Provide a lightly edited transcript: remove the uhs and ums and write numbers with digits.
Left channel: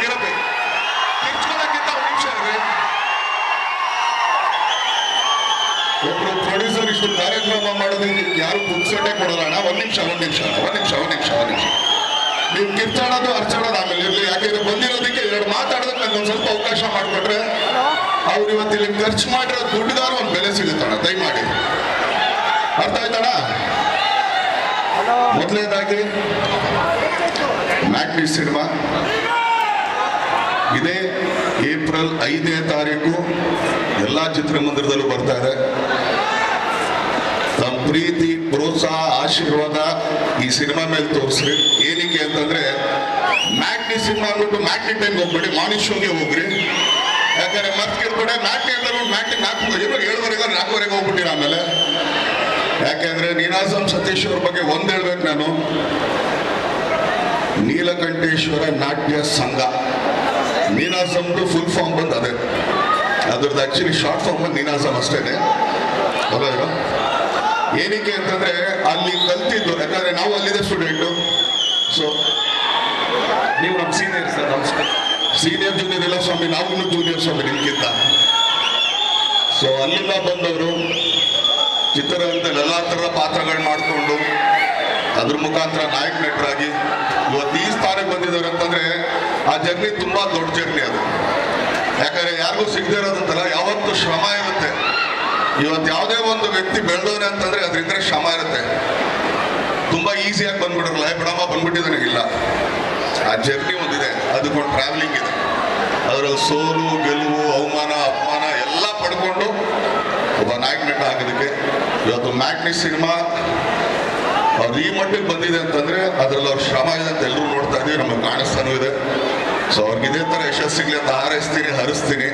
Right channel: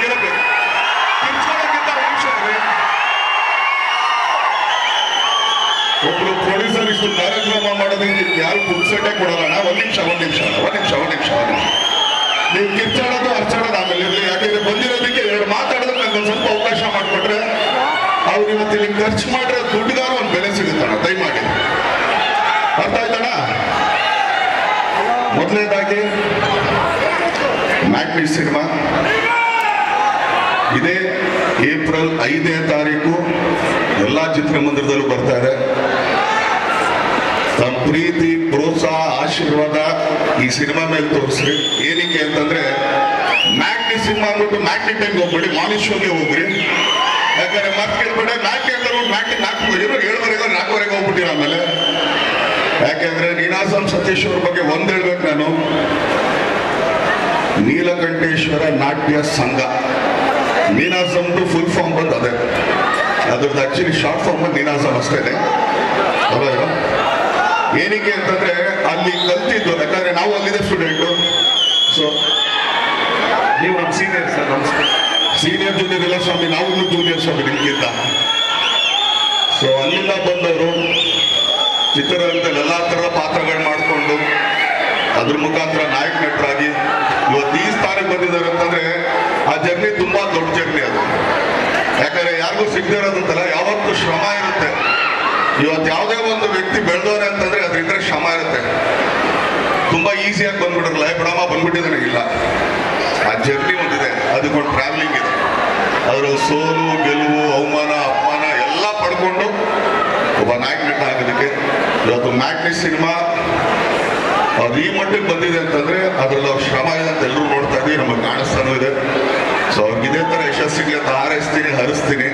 ಗೆಲ್ಲಬೇಕು. ಕಿರ್ಚೋದಕ್ಕಿಂತ ಒಂದು ನಿಮಿಷ ಇರ್ರಿ. ಒಬ್ರು ಪ್ರೊಡ್ಯೂಸರ್ ಇಷ್ಟು ಕಾರ್ಯಕ್ರಮ ಮಾಡೋದಕ್ಕೆ ಯಾರು ಪುಕ್ಸಟ್ಟೆ ಕೊಡೋಣ. ಒಂದ್ ನಿಮಿಷ ನೀವು ಕಿರ್ಚಾಡೋದು ಅರ್ಚಾಡೋದು ಆಮೇಲೆ ಇರ್ಲಿ. ಯಾಕಂದ್ರೆ ಬಂದಿರೋದಕ್ಕೆ ಎರಡು ಮಾತಾಡೋದಕ್ಕೆ ನಂಗೊಂದು ಸ್ವಲ್ಪ ಅವಕಾಶ ಮಾಡಿಕೊಟ್ರೆ ಅವ್ರು ಇವತ್ತು ಇಲ್ಲಿ ಖರ್ಚು ಮಾಡಿರೋ ದುಡ್ಡುಗಾರು ಒಂದು ಬೆಲೆ ಸಿಗುತ್ತಣ್ಣ. ದಯಮಾಡಿ ಅರ್ಥ ಆಯ್ತಣ್ಣ. ಮೊದಲನೇದಾಗಿ ಮ್ಯಾಟ್ನಿ ಸಿನಿಮಾ ಇದೇ ಏಪ್ರಿಲ್ 5ನೇ ತಾರೀಕು ಎಲ್ಲಾ ಚಿತ್ರಮಂದಿರದಲ್ಲೂ ಬರ್ತಾ ಇದೆ. ತಮ್ಮ ಪ್ರೀತಿ, ಪ್ರೋತ್ಸಾಹ, ಆಶೀರ್ವಾದ ಈ ಸಿನಿಮಾ ಮೇಲೆ ತೋರಿಸ್ರಿ. ಏನಕ್ಕೆ ಅಂತಂದ್ರೆ ಮ್ಯಾಟ್ನಿ ಸಿನಿಮಾ ಅಂದ್ಬಿಟ್ಟು ಮ್ಯಾಟ್ನಿ ಟೈಮ್ಗೆ ಹೋಗ್ಬೇಡಿ, ಮಾರ್ನಿಂಗ್ ಶೋಗೆ ಹೋಗ್ರಿ. ಯಾಕಂದ್ರೆ ಮತ್ತೆ ಕೇಳ್ಬೇಡ ಮ್ಯಾಟ್ನಿ ಅಂತ ಮ್ಯಾಟ್ನಿ 4:30 ಹೋಗ್ಬಿಟ್ಟಿರ. ಆಮೇಲೆ ಯಾಕೆಂದ್ರೆ ನೀನಾಸಂ ಸತೀಶ್ ಅವ್ರ ಬಗ್ಗೆ ಒಂದ್ ಹೇಳ್ಬೇಕು ನಾನು. ನೀಲಕಂಠೇಶ್ವರ ನಾಟ್ಯ ಸಂಘ, ನೀನಾಸಂದು ಫುಲ್ ಫಾರ್ಮ್ ಬಂದು ಅದೇ, ಅದ್ರದ್ದು ಆಕ್ಚುಲಿ ಶಾರ್ಟ್ ಫಾರ್ಮ್ ಬಂದು ನೀನಾಸಂ ಅಷ್ಟೇ ಇದೆ. ಏನಕ್ಕೆ ಅಂತಂದ್ರೆ ಅಲ್ಲಿ ಕಲ್ತಿದ್ದು, ಯಾಕಂದ್ರೆ ನಾವು ಅಲ್ಲಿದೆ ಸ್ಟೂಡೆಂಟು. ಸೊ ನೀವು ನಮ್ಮ ಸೀನಿಯರ್ ಸರ್, ನಮಸ್ಕಾರ. ಸೀನಿಯರ್ ಜೂನಿಯರ್ ಎಲ್ಲ ಸ್ವಾಮಿ, ನಾವು ಇನ್ನೂ ಜೂನಿಯರ್ ಸ್ವಾಮಿ ನಿಮ್ಗಿಂತ. ಸೊ ಅಲ್ಲಿಂದ ಬಂದವರು ಚಿತ್ರರಂಗದಲ್ಲಿ ಎಲ್ಲಾ ತರದ ಪಾತ್ರಗಳು ಮಾಡಿಕೊಂಡು ಅದ್ರ ಮುಖಾಂತರ ನಾಯಕ ನಟರಾಗಿ ಇವತ್ತು ಈ ಸ್ಥಾನಕ್ಕೆ ಬಂದಿದ್ದಾರೆ ಅಂತಂದ್ರೆ ಆ ಜರ್ನಿ ತುಂಬಾ ದೊಡ್ಡ ಜರ್ನಿ ಅದು. ಯಾಕಂದ್ರೆ ಯಾರಿಗೂ ಸಿಗದೆ ಇರೋದಂತಲ್ಲ, ಯಾವತ್ತೂ ಶ್ರಮ ಇರುತ್ತೆ. ಇವತ್ತು ಯಾವುದೇ ಒಂದು ವ್ಯಕ್ತಿ ಬೆಳೆದವನೆ ಅಂತಂದ್ರೆ ಅದ್ರಿದ್ರೆ ಶ್ರಮ ಇರುತ್ತೆ. ತುಂಬಾ ಈಸಿಯಾಗಿ ಬಂದ್ಬಿಡಲ್ಲ, ಬಿಡಮ್ಮ ಬಂದ್ಬಿಟ್ಟಿದ್ದಾನೆ, ಇಲ್ಲ. ಆ ಜರ್ನಿ ಒಂದಿದೆ, ಅದಕ್ಕೊಂದು ಟ್ರಾವೆಲಿಂಗ್ ಇದೆ. ಅದರಲ್ಲಿ ಸೋಲು, ಗೆಲುವು, ಅವಮಾನ, ಅಪಮಾನ ಎಲ್ಲ ಪಡ್ಕೊಂಡು ಒಬ್ಬ ನಾಯಕ ನಟ ಆಗೋದಕ್ಕೆ ಇವತ್ತು ಮ್ಯಾಟ್ನಿ ಸಿನಿಮಾ ಅವ್ರು ಈ ಮಟ್ಟಿಗೆ ಬಂದಿದೆ ಅಂತಂದ್ರೆ ಅದ್ರಲ್ಲಿ ಅವ್ರ ಶ್ರಮ ಇದೆ ಅಂತ ಎಲ್ಲರೂ ನೋಡ್ತಾ ಇದೀವಿ, ನಮಗೆ ಕಾಣಿಸ್ತಾನೂ ಇದೆ. ಸೊ ಅವ್ರಿಗೆ ಇದೇ ತರ ಯಶಸ್ಸಿಗೆ ಅಂತ ಹಾರೈಸ್ತೀನಿ, ಹರಿಸ್ತೀನಿ.